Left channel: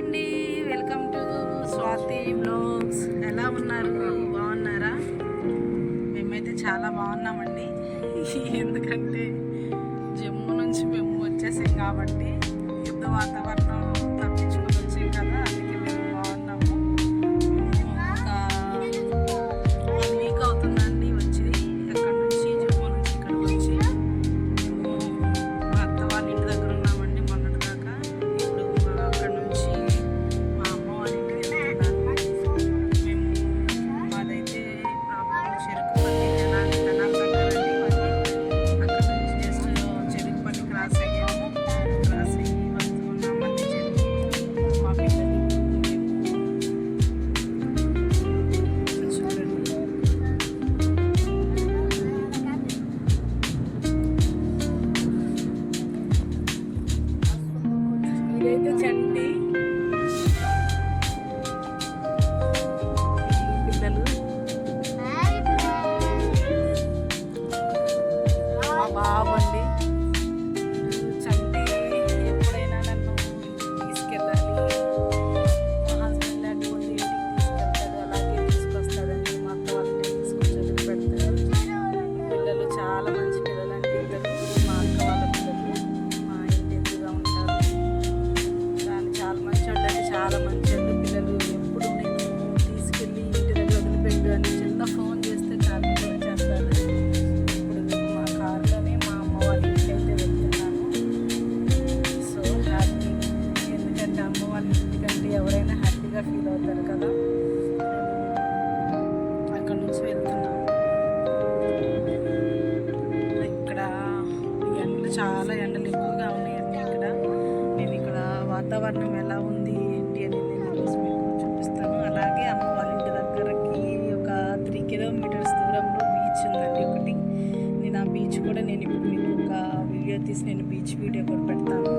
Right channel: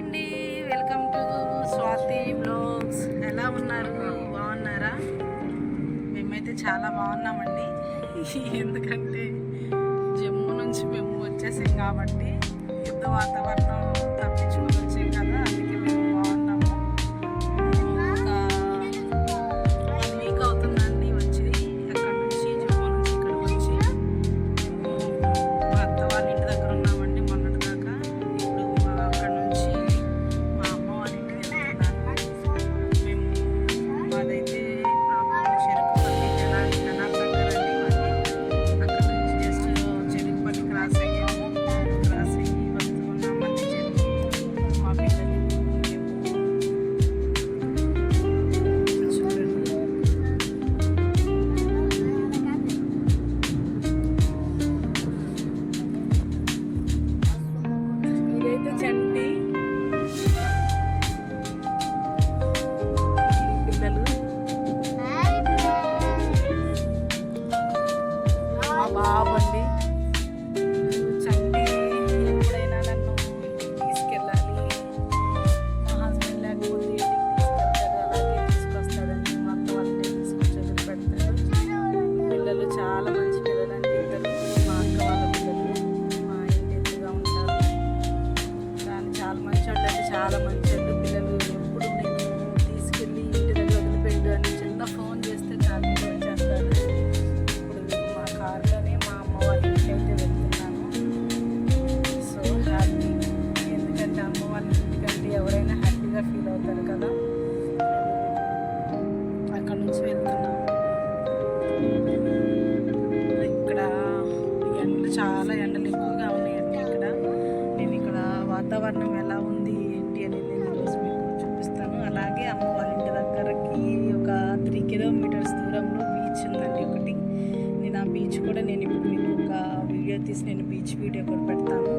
అండి. Welcome to Swathi blogs ఎలా ఉన్నారు? బాగున్నారా? మేమైతే చాలా బాగున్నామండి. ఎందుకంటే జమ్మూ నుంచి మేము వచ్చేసాం కాబట్టి యుద్ధ వాతావరణం ఇక్కడ ఎండలు చాలా ఎండలు ఎక్కువగా ఉన్నాయండి ఇక్కడ. నేను ఇక్కడ వాతావరణం ఎలా ఉంది ఏంటి అనేది నేను ఈరోజు మీకు చూపిస్తాను. అలాగే అమ్మ వాళ్ళ ఇంటి దగ్గరకి ఒక త్రీ కిలోమీటర్స్ దూరంలో బీచ్ ఉందండి ఒకటి. నేను ఆ బీచ్ కూడా నేను ఇప్పుడు మీకు ఒక వీడియో తీసి నేను బీచ్ వీడియో కూడా పెడతాను.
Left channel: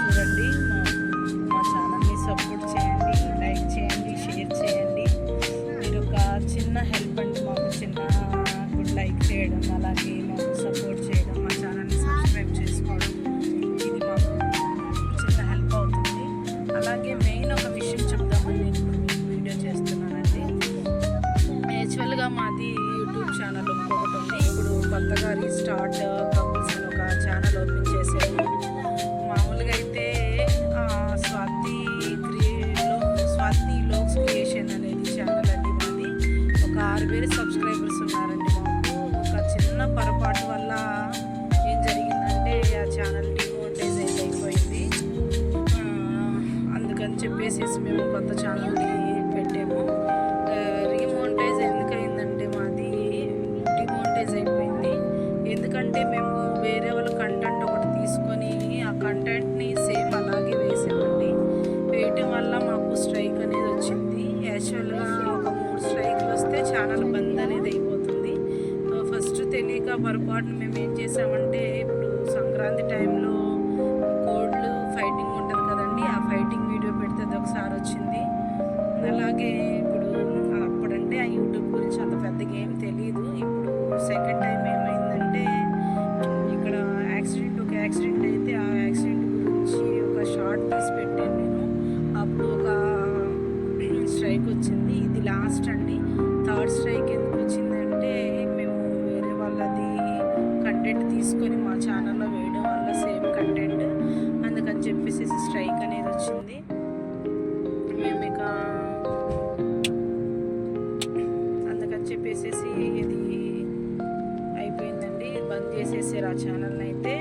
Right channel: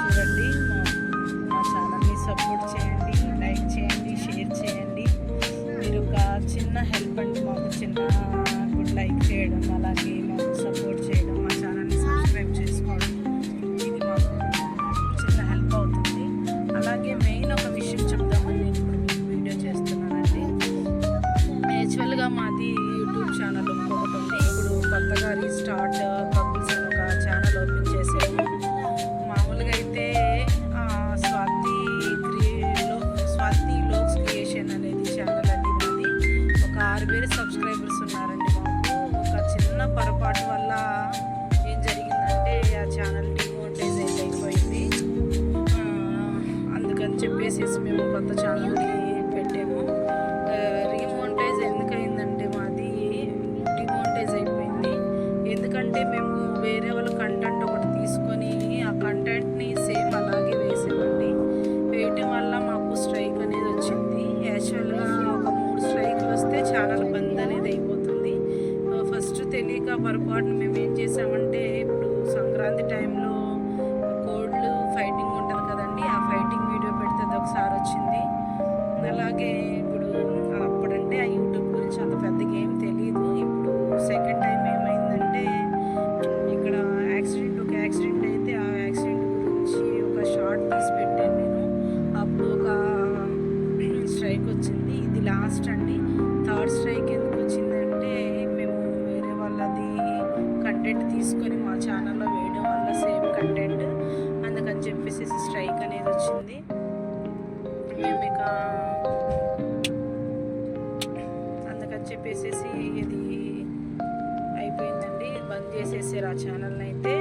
చూడండి మా మా ఛానల్ని సపోర్ట్ చేయండి లైక్ చేయండి షేర్ చేయండి. మీరు ఒక చిన్న హెల్ప్ అండి మాకు చిన్న గుడ్ లైక్ చేయడం. అలాగే మాకు ఛానల్ బంద్ అనేది అయిపోతుంది ఫస్ట్ తెలియక పొరపాటున మేము ఏం చేసామంటే ఇప్పుడు సంక్రాంతి టైంలో కోడ్లు ఫైటింగ్ ఉంటుంది కదండి ఆ ఫైటింగ్ వీడియో పెడితే అది ఒకసారి వచ్చింది. అలాగే ఇప్పుడు అప్పుడంటే ఆ యూట్యూబ్ గురించి అంత పెద్దగా ఏం తెలియదు ఇప్పుడు సెకండ్ టైం ఏమైందంటే ఇక్కడ యాక్సిడెంట్ ఒక యాక్సిడెంట్ అయితే ఆ యాక్సిడెంట్ గురించి ఒక షార్ట్ తీసి పెట్టాను నేను. అప్పుడు ఒక స్ట్రైక్ వచ్చింది ఇది లాస్ట్ అండి. థర్డ్ స్ట్రైక్ ఎందుకు వచ్చిందంటే మేము వేరే వాళ్ళది కంటెంట్ తీసుకొని మా ఛానల్లో వేయడం వల్ల సేమ్ కంటెంట్. అందుకని చెప్పేసి స్ట్రైక్ అనేది వచ్చింది మేము ఇక అందుకని చెప్పేసి ఇది అయిపోయిందండి. బంద్ చేసేసారు ఆ ఛానల్ని అయితే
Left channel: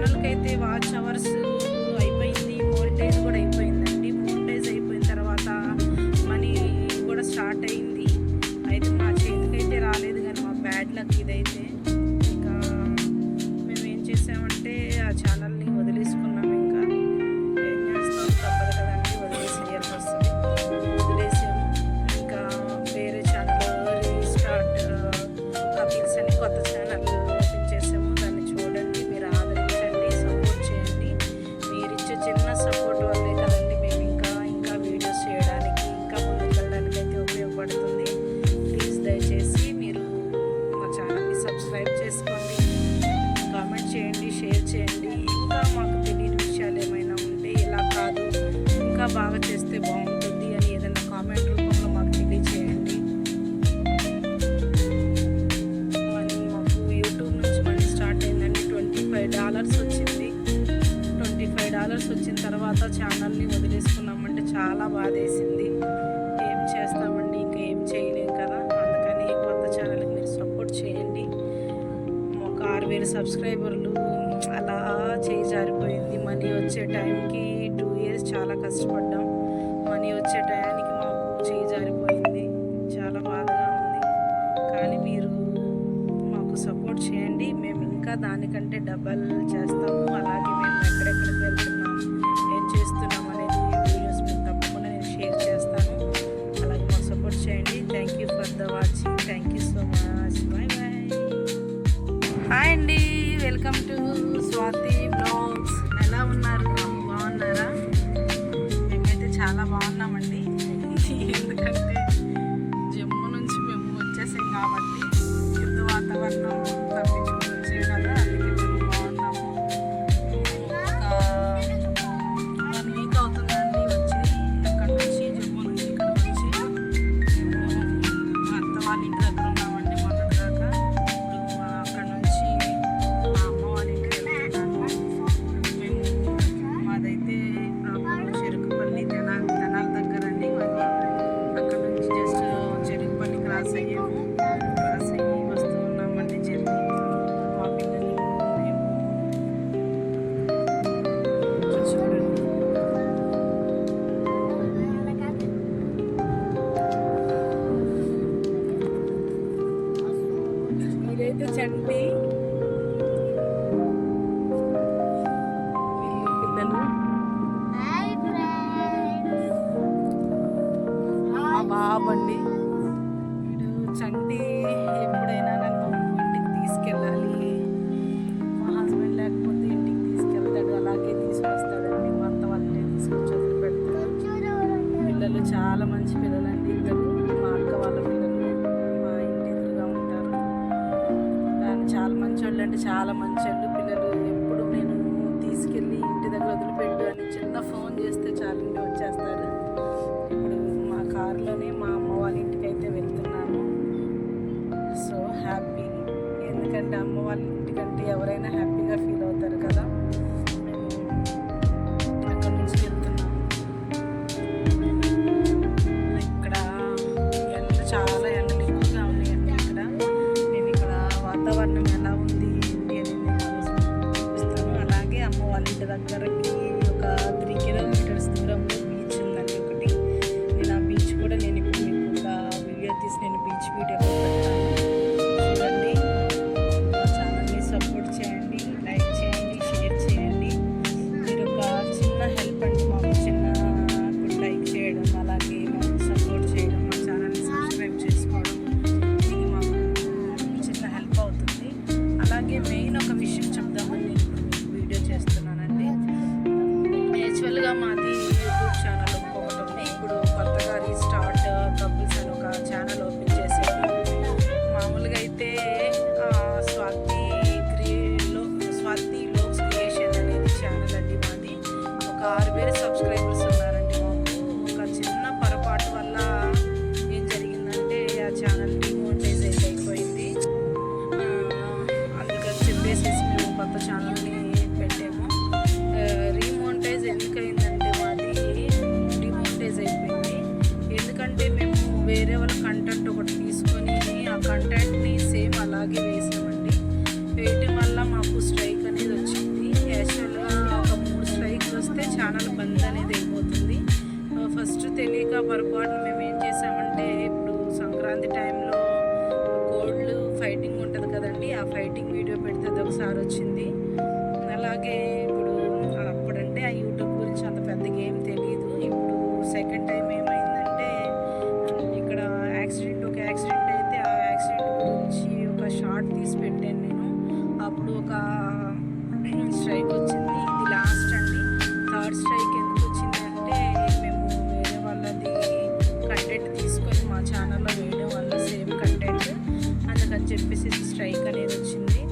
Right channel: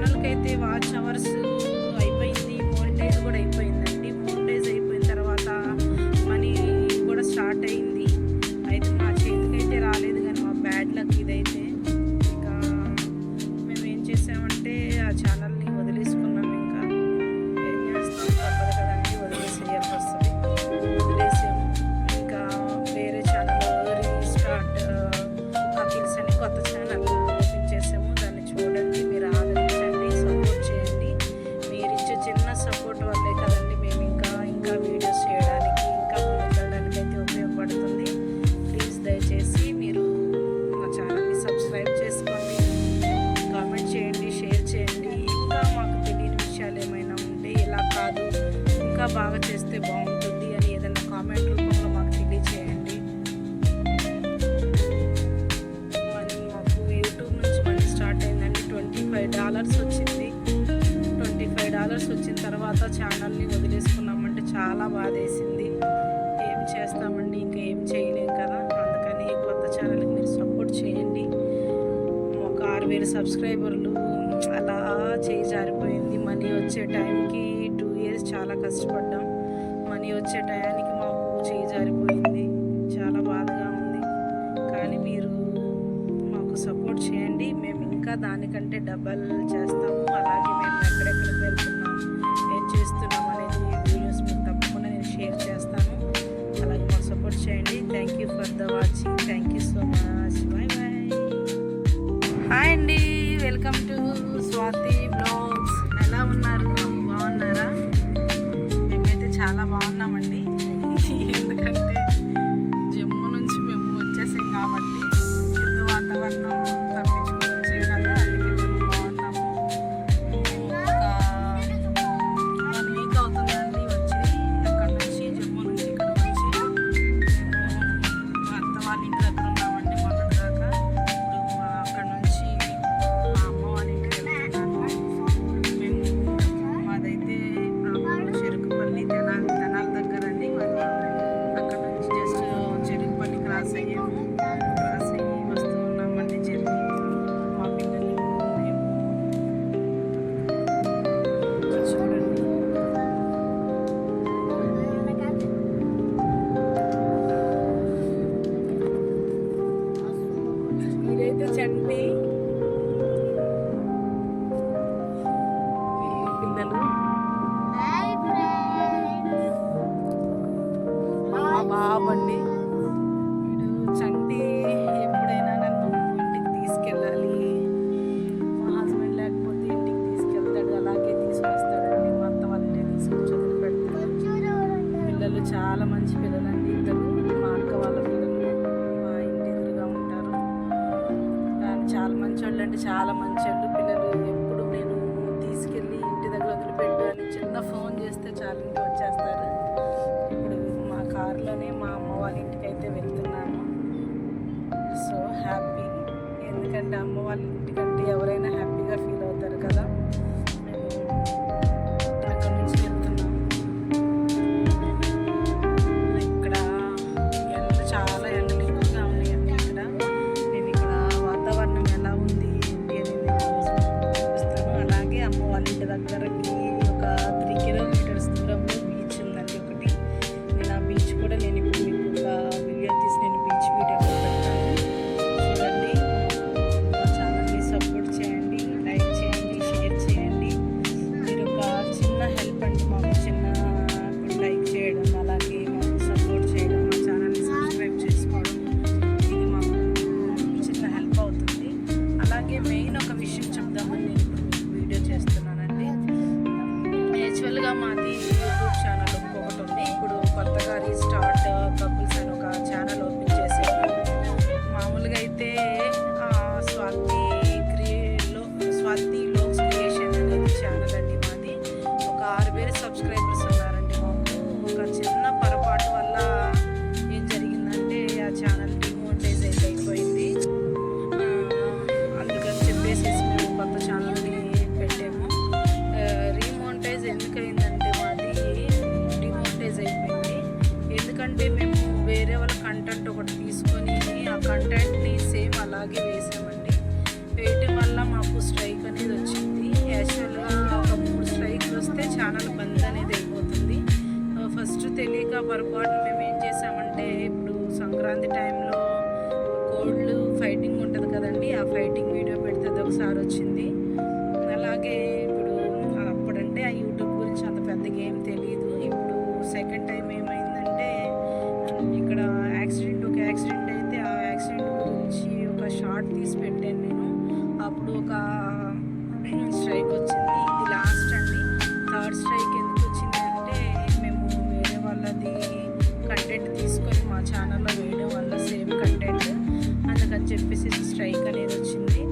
ఛానల్కి అయితే వాచ్ అవర్స్ అయిపోయింది మోనిటైజ్ కూడా అయిపోయిందండి. మోనిటైజ్ అయిపోయిన తర్వాత మనీ కూడా స్టార్ట్ అయింది. అయితే మా చేతికైతే రాలేదు కానీ మా బ్యాడ్ లక్ ఇదైతే. ఇంకా మేము ఏం చేసామంటే ఆ ఛానల్ని వదిలేసుకున్నాం ఇంకా. ఏం చేస్తాం? తప్పదు కదండి వదిలేసేయాల్సి వస్తుంది వదిలేసాము. ఇంకా వేరే ఛానల్ రీస్టార్ట్ కపిల్స్ అని కొత్త ఛానల్ ఉపయోగపడుతుంది ప్లీజ్ దయచేసి మీరు మా ఛానల్ని సబ్స్క్రైబ్ చేసుకోండి. కామెంట్ చేయండి షేర్ చేయండి. ఇంకా మాకు తెలియని విషయాలు ఏమైనా ఉంటే ఇలా కాదు ఇంకా బాగా చేస్తే బాగుంటుంది అని ఏదైనా కామెంట్ రూపంలో మాకు తెలియచేయండి. మాకు యూట్యూబ్ నుంచి మనీ స్టార్ట్ అయిందండి. ట్వంటీ ఫైవ్ డాలర్స్ వచ్చింది. ట్వంటీ ఫైవ్ డాలర్స్ వచ్చిన తర్వాత ఛానల్ని వదిలేసుకున్నామంటే చాలా బాధేసింది. వేల సబ్స్క్రైబర్లు అలా చేయి జారిపోయింది. మనీ వచ్చే టైంకి టూ ఇయర్స్ చాలా కష్టపడ్డాం. మనీ వచ్చే టయానికి మాకు చేయి జారిపోయింది. చాలా బాధగా ఉంది. కానీ మీరు మాకు సపోర్ట్ చేయండి. మేము ఇంకా దానికంటే డబల్ చేస్తాము. అలాగే మేము ఎక్కడెక్కడికి వెళ్తున్నాం ఏం చేస్తున్నాం అనేది వీడియోస్ మీకు తప్పకుండా నేను షేర్ చేస్తాను. అలాగే మాకు సపోర్ట్ చేయండి. Thank you for the watching thank you so much bye bye hi అండి వెల్కమ్ టు స్వాతి బ్లాగ్స్. ఎలా ఉన్నారు? బాగున్నారా? మేమైతే చాలా బాగున్నామండి. ఎందుకంటే జమ్మూ నుంచి మేము వచ్చేసాం కాబట్టి యుద్ధ వాతావరణం తప్పించుకుని వచ్చాం కదా అందుకే మేము బాగున్నాము. ఒక వన్ వీక్ అవుతుందండి వచ్చి. అక్కడ నుంచి జమ్మూ నుంచి ఇక్కడ వచ్చి మేము అత్త వాళ్ళ ఇంటి దగ్గర పిల్లలు? మా బాబు అండి వీడు చంటి ఎప్పుడైనా నన్ను ఇంటికి తీసుకెళ్ళాలి. మా హస్బెండ్ లేకపోతే ఇంటికి తీసుకెళ్తాడు అలాగే తీసుకొస్తాడండి. మా అత్త వాళ్ళనే తీసుకొచ్చి వదిలిపెడతాడు. పిల్లలు చాలా మంచి పిల్లలండి ఇద్దరు. మా అక్క వాళ్ళ పిల్లలు మా ఇంటి ఎదురుగా ఉంటారు. కానీ చాలా మంచోళ్ళు అంటే చాలా మంచోళ్ళు. పిల్లలు ఎప్పుడు నేను తీసుకెళ్ళి ఇంటి దగ్గర వదిలిపెట్టు అని చిన్న ఫోన్ చేస్తే చాలు వచ్చేస్తారు. ఇప్పుడు మా కారులోనే మా అమ్మ వాళ్ళ ఇంటికి అయితే వెళ్తున్నాను సో హ్యాపీ ఎందుకంటే అమ్మ వాళ్ళ ఇంటికంటే ఎవరైనా హ్యాపీగా ఫీల్ అవుతారు కదా. పొరపాటు వల్ల ఏం జరిగిందంటే ఆ ఛానల్ డిమోనిటైజ్ అయితే అయిపోయింది. అందుకని చెప్పేసి మేము కొత్త ఛానల్ని పెట్టాము. రీమోనిటైజ్ ఎందుకైందంటే మాది డిమోనిటైజ్ అయిపోయింది. ఎందుకంటే మేము వేరే వాళ్ళ కంటెంట్ ఒకటి తీసుకొని ఆ కంటెంట్ని సేమ్ అలాగే వేసామండి. వేయటం వల్ల మాకు స్ట్రైక్ అనేది వచ్చింది. యాక్చువల్గా ఒక మూడు స్ట్రైక్లు వస్తే ఛానల్ బంద్ అనేది అయిపోతుంది. ఫస్ట్ తెలియక పొరపాటున మేము ఏం చేసామంటే ఇప్పుడు సంక్రాంతి టైంలో కోళ్ళు ఫైటింగ్ ఉంటుంది కదండి ఆ ఫైటింగ్ వీడియో పెడితే అది ఒకసారి వచ్చింది. అలాగే ఇప్పుడు అప్పుడంటే ఆ యూట్యూబ్ గురించి అంత పెద్దగా ఏం తెలియదు ఇప్పుడు సెకండ్ టైం ఏమైందంటే ఇక్కడ యాక్సిడెంట్ ఒక యాక్సిడెంట్ అయితే ఆ యాక్సిడెంట్ గురించి ఒక షార్ట్ తీసి పెట్టాను నేను. అప్పుడు ఒక స్ట్రైక్ వచ్చింది. ఇది లాస్ట్ అండి. థర్డ్ స్ట్రైక్ ఎందుకు వచ్చింది కంటెంట్ తీసుకొని మా ఛానల్లో వేయడం వల్ల సేమ్ కంటెంట్ అందుకని చెప్పేసి స్ట్రైక్ అనేది వచ్చింది.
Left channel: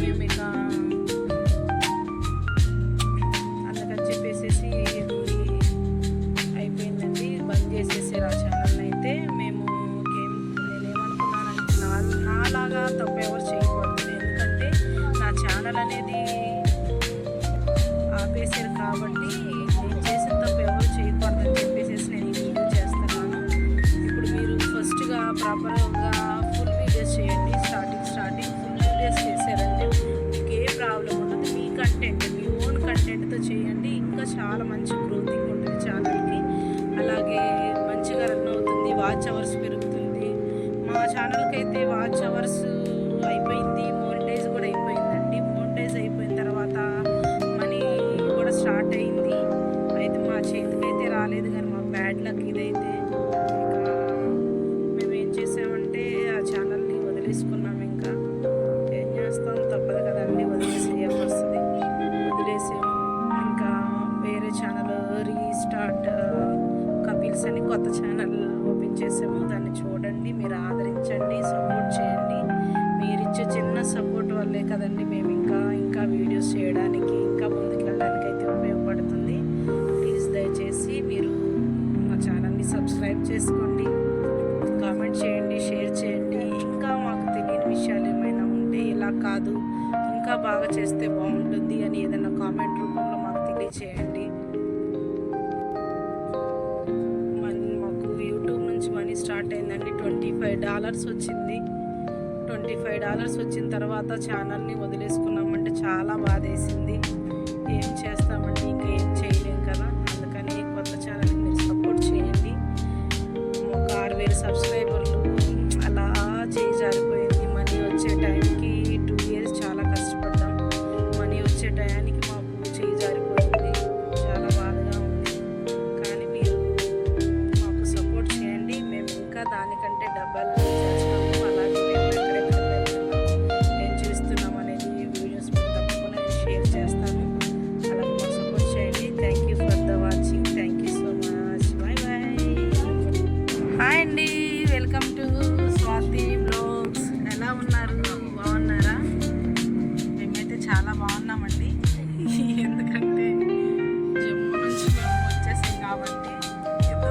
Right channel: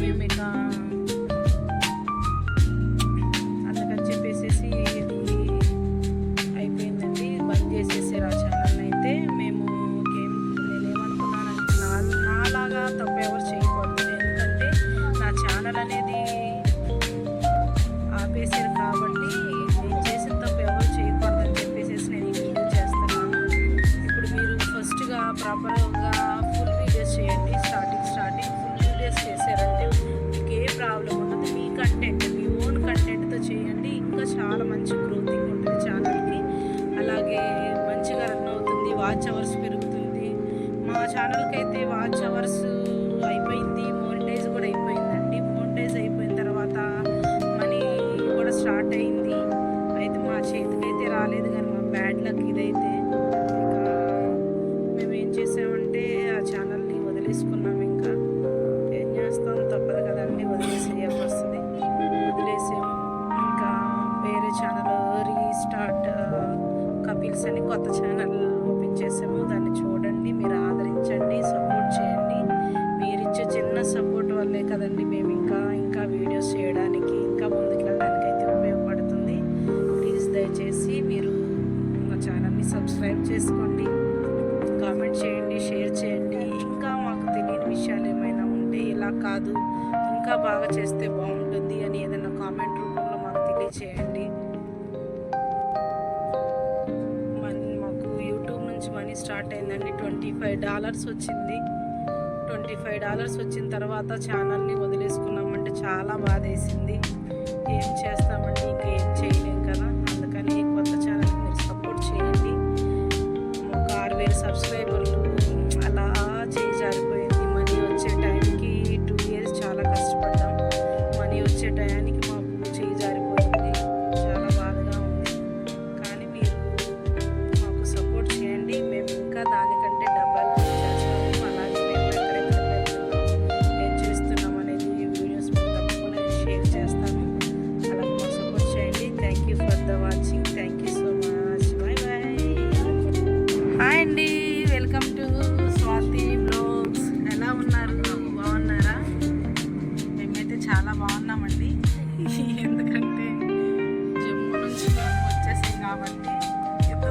మేము ఇక అందుకని చెప్పేసి అయిపోయిందండి. బంద్ చేసేసారు ఆ ఛానల్ చేతికైతే రాలేదు కానీ మా బ్యాడ్ లక్ ఇదైతే. ఇక మేము ఏం చేసామంటే ఆ ఛానల్ని వదిలేసుకున్నాం ఇంకా. ఏం చేస్తాం? తప్పదు కదండి వదిలేసేయాల్సి వస్తుంది. వదిలేసాము ఇంకా వేరే ఛానల్ రీస్టార్ట్ కపిల్స్ అని కొత్త ఛానల్ ఓపెన్ చేసాము. దాన్ని చూడండి మీరు ఆదరించండి సపోర్ట్ చేయండి. మీరిచ్చే చిన్న సపోర్ట్ వల్లే కదండి మేము ఇంకా ఇంకా వీడియోస్ చేయడానికి ఇంకా ముందుకెళ్ళడానికి అయితే ఉపయోగపడుతుంది. దయచేసి మీరు మా ఛానల్ని సబ్స్క్రైబ్ చేసుకోండి కామెంట్ చేయండి షేర్ చేయండి. ఇంకా మాకు తెలియని విషయాలు ఏమైనా ఉంటే ఇలా కాదు ఇంకా బాగా చేస్తే బాగుంటుంది అని ఏదైనా కామెంట్ రూపంలో మాకు తెలియచేయండి. మన్- మాకు యూట్యూబ్ నుంచి మనీ స్టార్ట్ అయిందండి. ట్వంటీ ఫైవ్ డాలర్స్ వచ్చింది. ట్వంటీ ఫైవ్ డాలర్స్ వచ్చిన తర్వాత ఛానల్ని వదిలేసుకున్నామంటే చాలా బాధేసింది. ఏం చేస్తామండి? ఇంకేం చేయలేం కదా? ఆరు వచ్చేసాం కాబట్టి యుద్ధ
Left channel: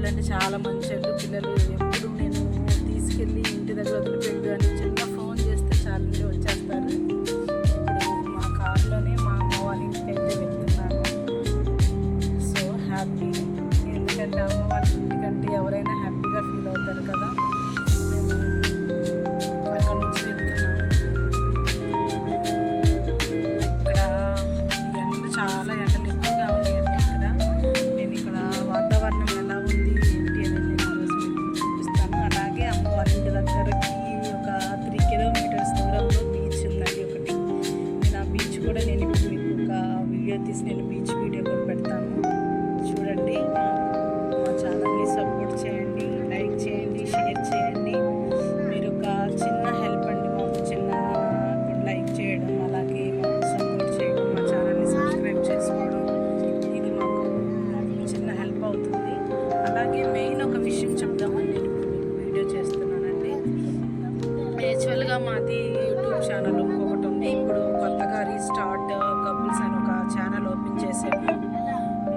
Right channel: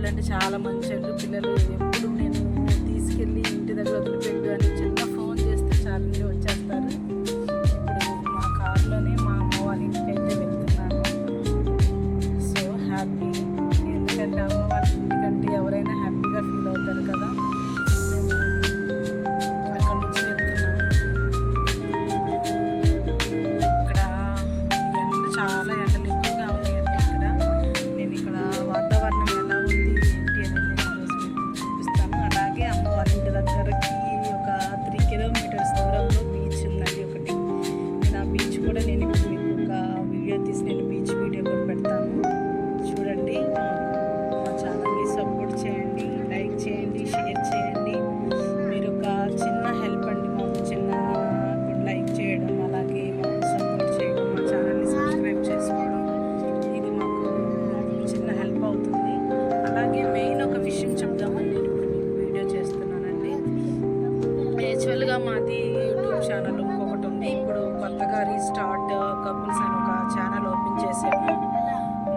చాలా అంటే చాలా మంచోళ్ళు పిల్లలు ఎప్పుడు నేను తీసుకెళ్ళి ఇంటి దగ్గర వదిలిపెట్టు అని చిన్న ఫోన్ చేస్తే చాలా మంది వచ్చేస్తారు. ఇప్పుడు మా కారులోనే మా అమ్మ వాళ్ళ ఇంటికి అయితే వెళ్తున్నాను. సో హ్యాపీ ఎందుకంటే అమ్మ వాళ్ళ ఇంటికంటే ఎవరైనా హ్యాపీగా ఫీల్ అవుతారు కదా. రీస్టార్ట్ కపుల్స్ అని ఒక ఛానల్ ఓపెన్ చేసాము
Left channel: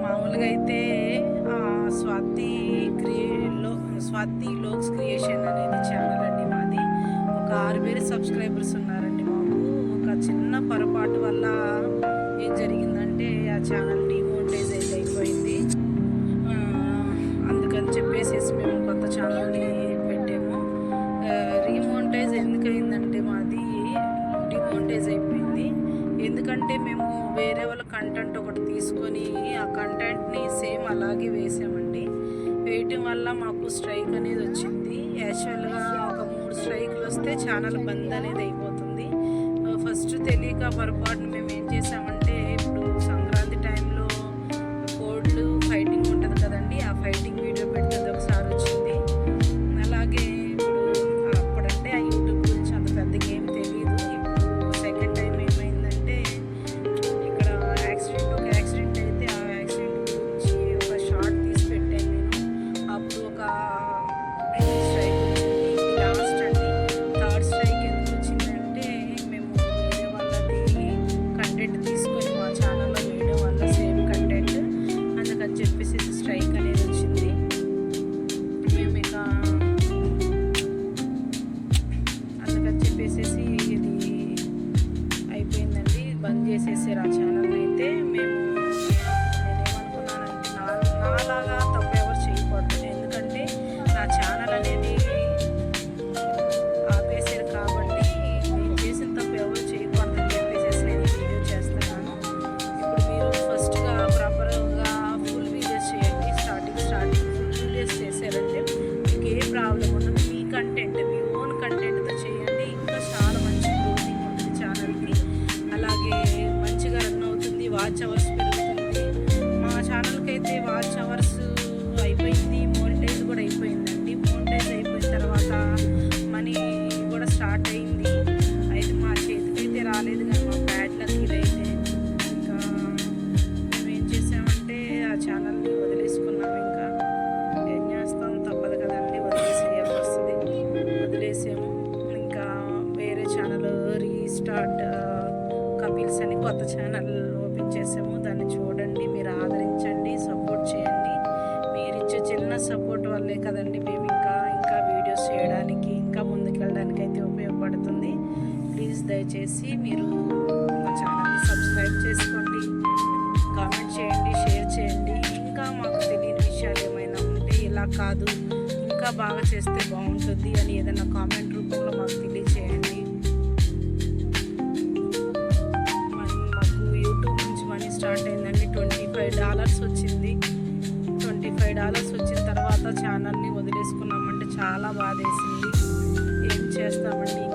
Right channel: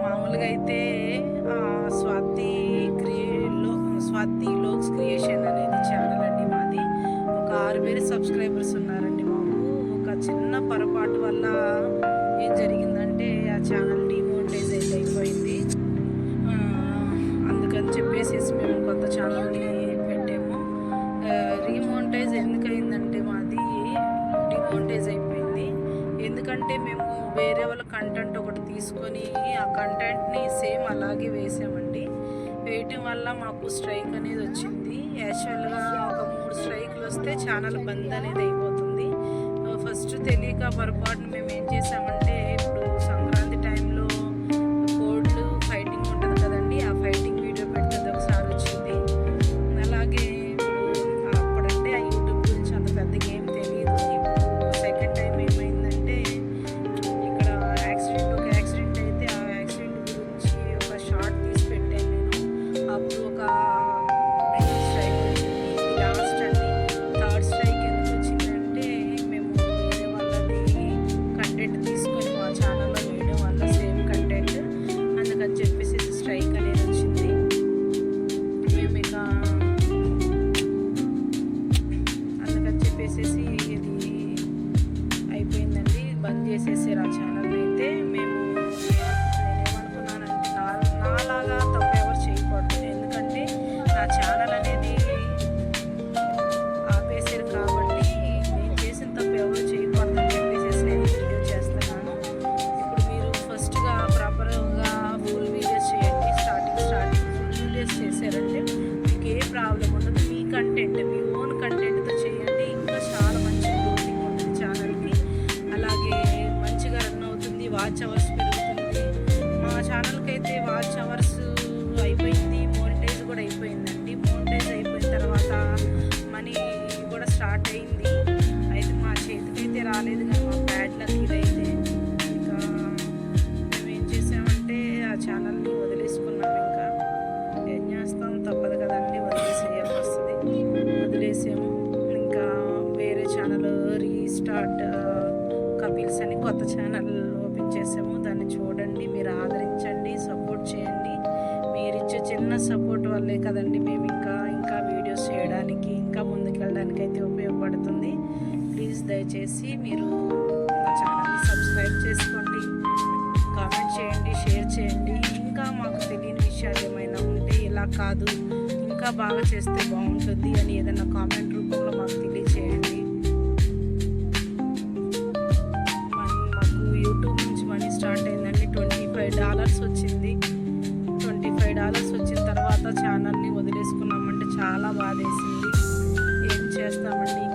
మామూలుగా అయితే స్వాతి క్రియేలో స్వాతి లోక్స్ క్రియేషన్ అనేది ఛానల్ అండి మాది. ఒక ఆరు వేలు సబ్స్క్రైబర్స్ ఉన్నారండి మాకు. ఒక చిన్న పొరపాటు వల్ల ఏం జరిగిందంటే ఆ ఛానల్ డిమోనిటైజ్ అయితే అయిపోయింది. అందుకని చెప్పేసి మేము కొత్త ఛానల్ని పెట్టాము. రీమోనిటైజ్ ఎందుకు అయిందంటే మాది డిమోనిటైజ్ అయిపోయింది. ఎందుకంటే మేము వేరే వాళ్ళ కంటెంట్ ఒకటి తీసుకొని ఆ కంటెంట్ని సేమ్ అలాగే వేసామండి. వేయటం వల్ల మాకు స్ట్రైక్ అనేది వచ్చింది. యాక్చువల్గా ఒక మూడు స్ట్రైక్లు వస్తే ఛానల్ బంద్ అనేది అయిపోతుంది. ఫస్ట్ తెలియక పొరపాటున మేము ఏం చేసామంటే అందుకని చెప్పేసి స్ట్రైక్ అనేది కంటెంట్ మీ ఓన్ కంటెంట్తో చేయండి. ఇంకా చాలా మంచి గ్రోతింగ్ ఉంటుంది ఛానల్కి అలాగే మంచిగా రన్ అవుతుంది వాచ్ అవర్స్ పెరుగుతుంది. మా ఛానల్కి అయితే వాచ్ అవర్స్ అయిపోయింది మోనిటైజ్ కూడా అయిపోయిందండి. మోనిటైజ్ అయిపోయిన తర్వాత మనీ కూడా స్టార్ట్ అయింది. అయితే మా చేతికైతే రాలేదు కానీ మా బ్యాడ్ లక్ ఇదైతే. ఇంకా మేము ఏం చేసామంటే ఆ ఛానల్ని వదిలేసుకున్నాం ఇంకా. ఏం చేస్తాం తప్పదు కదండి వదిలేసేయాల్సి వస్తుంది. వదిలేసాము. ఇంకా వేరే ఛానల్ రీస్టార్ట్ కపిల్స్ అని కొత్త ఛానల్ ఓపెన్ చేసాము. దాన్ని చూడండి మీరు ఆదరించండి సపోర్ట్ చేయండి. మీరు ఇచ్చే చిన్న సపోర్ట్ వల్లే కదండి మేము ఇంకా ఇంకా వీడియోస్ చేయడానికి ఇంకా ముందుకెళ్ళడానికి అయితే ఉపయోగపడుతుంది. ప్లీజ్ దయచేసి మీరు మా ఛానల్ని సబ్స్క్రైబ్ చేసుకోండి. కామెంట్ చేయండి షేర్ చేయండి. ఇంకా మాకు తెలియని విషయాలు ఏమైనా ఉంటే ఇలా కాదు. ఇంకా బాగా చేస్తే బాగుంటుంది అని ఏదైనా కామెంట్ రూపంలో మాకు తెలియచేయండి. మాకు యూట్యూబ్ నుంచి మనీ స్టార్ట్ అయిందండి. ట్వంటీ ఫైవ్ డాలర్స్ వచ్చింది. ట్వంటీ ఫైవ్ డాలర్స్ వచ్చిన తర్వాత ఛానల్ని వదిలేసుకున్నామంటే చాలా బాధేసింది. ఏం చేస్తామండి?